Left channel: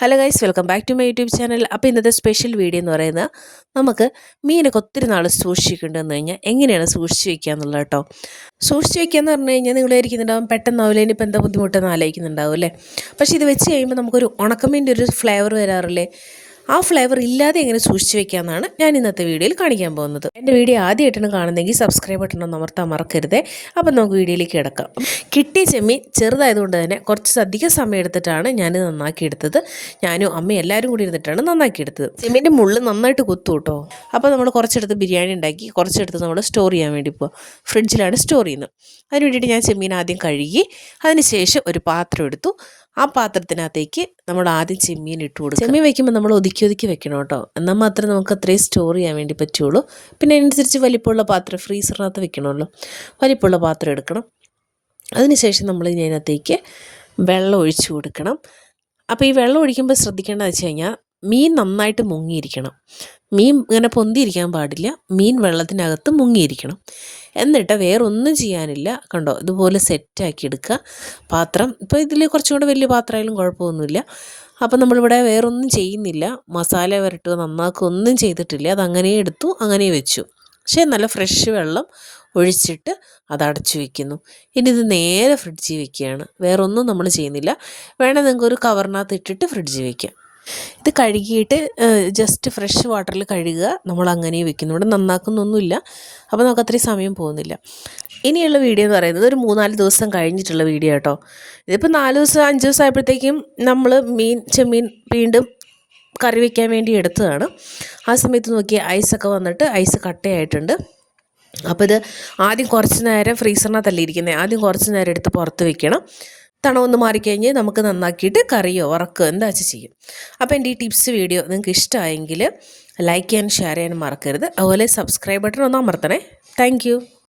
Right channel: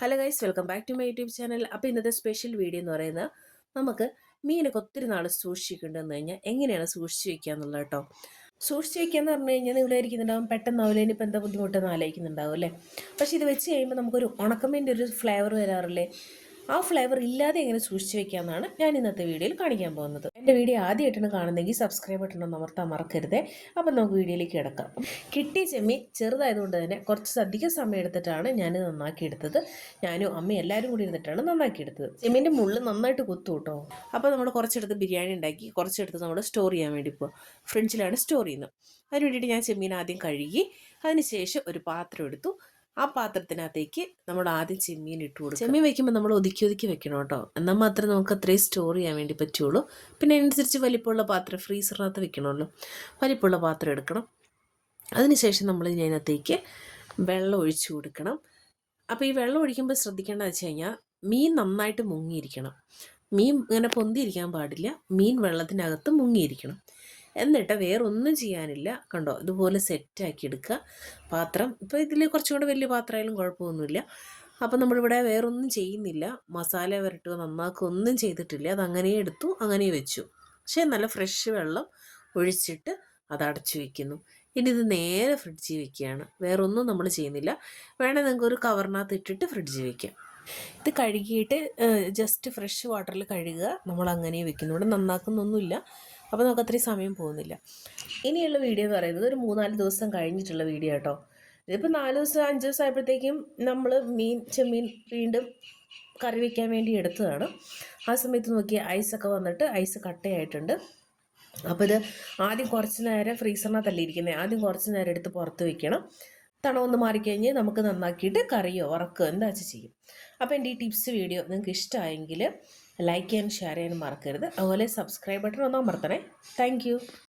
Hello guys, welcome back to my YouTube channel. അപ്പോൾ ഇന്നത്തെ special video എന്ന് പറയുന്നത് നമുക്ക് മീനൊക്കെ ഒത്തിരി നാൾ സൂക്ഷിക്കേണ്ടതെന്ന് കഴിഞ്ഞാൽ എങ്ങനെയാണ് സൂക്ഷിച്ച് വെക്കുക എന്നുള്ളത് കേട്ടോ. സൂക്ഷിച്ച് വെക്കുക എന്ന് പറഞ്ഞു കഴിഞ്ഞാൽ നിങ്ങൾ ഇരിക്കുന്നുണ്ടാവും പെട്ടെന്നാവില്ല, ഇനിയിപ്പോൾ എന്താ ബുദ്ധിമുട്ടെന്ന് ആലോചിക്കുന്നുണ്ടാവും അല്ലേ. പക്ഷേ ഇത് വെച്ച് കഴിയുമ്പോൾ നമുക്കൊരു ഉണക്കമീൻ്റെ ഒരു ഫ്ലേവർ വരാറില്ലേ, ആ ഫ്ലേവർ ഇല്ലാതെ എങ്ങനെ സൂക്ഷിച്ച് വെക്കാമെന്നാണ് ഞാൻ ഇന്നത്തെ വീഡിയോയിൽ കാണിക്കാൻ പോകുന്നത്. എൻ്റെ വീഡിയോ ആദ്യമായിട്ടാണ് കാണുന്നതെങ്കിൽ സബ്സ്ക്രൈബ് ബട്ടൺ ഒന്ന് അമർത്താൻ മറക്കരുതേ. അപ്പം നമുക്ക് വീഡിയോയിലേക്ക് കിടക്കാം. കിട്ടിയ ചെമ്മീൻ ചെറുതായതുകൊണ്ട് തന്നെ കുറച്ചധികം സമയം എടുത്തിട്ടാണ് ഞാൻ നന്നാക്കിയെടുത്തത്. ഞാനും അമ്മയും എല്ലാവരും കൂടി ഇരുന്നിട്ടാണ് നന്നാക്കിയെടുത്തത്. ചെമ്മീൻ്റെ മുള്ള് നന്നായിട്ട് കുത്തു കേട്ടോ. അപ്പോൾ നമ്മൾ കുറച്ചെടുത്ത് ബിരിയാണി ഉണ്ടാക്കി, കുറച്ചെടുത്ത് നമ്മൾ സ്റ്റോർ ചെയ്യാൻ വേണ്ടി പോകും. ഫ്രിഡ്ജിലാണ് സ്റ്റോർ ചെയ്യുന്നത്. അതിന് വേണ്ടിയിട്ട് ഞാൻ ചെമ്മീൻ ആദ്യം കഴുകി അതിന് ശേഷം ഒരു പാത്രം എടുത്തു. ആ പാത്രത്തിനകത്തേക്ക് നമ്മൾ ആദ്യം ചെമ്മീൻ ഇട്ട് കൊടുക്കും. ചെമ്മീൻ വെക്കുമ്പോൾ നമ്മൾ ഒതുക്കി വെക്കണം കേട്ടോ, എന്നാൽ മാത്രമേ നമുക്ക് അത്രയും സ്റ്റോർ ചെയ്യാൻ വേണ്ടി പറ്റുള്ളൂ. പിന്നെ അതിനനുസരിച്ച് വലിപ്പമുള്ള പാത്രം ഫ്രീസറിനകത്ത് വെക്കണമല്ലോ, വലിപ്പമുള്ള പാത്രം എടുക്കണം. അതിനുശേഷം നമ്മൾ ഇതിനകത്തേക്ക് വെള്ളം ഒഴിച്ചു കൊടുക്കണം. അപ്പോൾ ഈ വെള്ളം ഒഴിക്കുമ്പോൾ ശ്രദ്ധിക്കേണ്ടതെന്ന് വെച്ച് കഴിഞ്ഞാൽ മീൻ നന്നായിട്ട് മുങ്ങിയിരിക്കണം. മീൻ ഇങ്ങനെ പൊന്തിയിരിക്കാൻ പാടില്ല, മീൻ വെള്ളത്തിനകത്ത് മുങ്ങിയിരിക്കണം. എന്നിട്ട് വേറൊന്നും ചെയ്യാനില്ല, കണ്ടോ ഇതുപോലെ സെറ്റാക്കി എടുക്കുക പാത്രം. ഇപ്പോൾ ഇതിൽ കുറച്ചും കൂടെ വലിയ പാത്രമായാലും കുഴപ്പമൊന്നുമില്ല. അപ്പോൾ നമ്മളിവിടെ വേറൊന്നും ചെയ്യുന്നില്ല, മസാല വരട്ടുക നന്നാക്കുക ഒന്നും ചെയ്തിട്ടില്ല. അതങ്ങനെ എടുത്തു, അങ്ങനെ വെച്ചു. പക്ഷേ നല്ല ഫ്രഷ് വെള്ളം ഒഴിച്ചിട്ട് അത് അടച്ചു വയ്ക്കുന്നു. ഇനി ഇത് നേരെ ഫ്രിഡ്ജിൽ വയ്ക്കുകയാണ്, വേറൊന്നും നമ്മൾ ചെയ്യുന്നില്ല. വേണേൽ നിങ്ങൾക്ക് ഒരു കവറിനകത്ത് ഇട്ടിട്ട് ഫ്രിഡ്ജിൽ വയ്ക്കാം. ഇത് കഴുകിയിട്ട് ജസ്റ്റ് ഫ്രഷ് വാട്ടറിൽ കഴുകുക, നമ്മൾ അങ്ങനെ വെക്കുന്നു. ഇവിടെ നന്നാക്കുന്നൊന്നുമില്ല, അപ്പോൾ നമുക്ക് അത്രയും സമയം പോകുന്നില്ല. ഇനിയുള്ള വീഡിയോ എന്ന് പറയുന്നത് ഒരു 3-4 ദിവസം കഴിഞ്ഞിട്ടുള്ള വീഡിയോ കേട്ടോ. ഇതിപ്പോൾ 4 ദിവസം 5 ദിവസം ആയപ്പോഴത്തേക്കും നമ്മൾ ചെമ്മീൻ വീണ്ടും കറി വയ്ക്കാൻ വേണ്ടി എടുത്തതാണ്. ആ സമയത്ത് നോക്കി ഐസൊക്കെ വന്നിട്ട് ഐസ് കട്ടയായിട്ടുണ്ട്. അപ്പോൾ ഇത് ആദ്യം കുറച്ച് നേരം ഫ്രീസറിനകത്തല്ലേ ഇരിക്കുന്നത്, ആദ്യം കുറച്ച് നേരം എടുത്ത് പുറത്ത് വെക്കണം. തണവൊന്ന് മാറിക്കഴിഞ്ഞ് നമുക്ക് നന്നാക്കിയിട്ട് കറിയോ വറക്കോ എന്താ വെച്ചാൽ ചെയ്യും. അപ്പോൾ എൻ്റെ ഈ ടിപ്സ് വീഡിയോ നിങ്ങൾക്ക് ഇഷ്ടമായെങ്കിൽ ലൈക്ക് ചെയ്യാനും ഷെയർ ചെയ്യാനും മറക്കരുത്. അതുപോലെ സബ്സ്ക്രൈബ് ബട്ടൺ ഒന്ന് അമർത്തണേ. താങ്ക്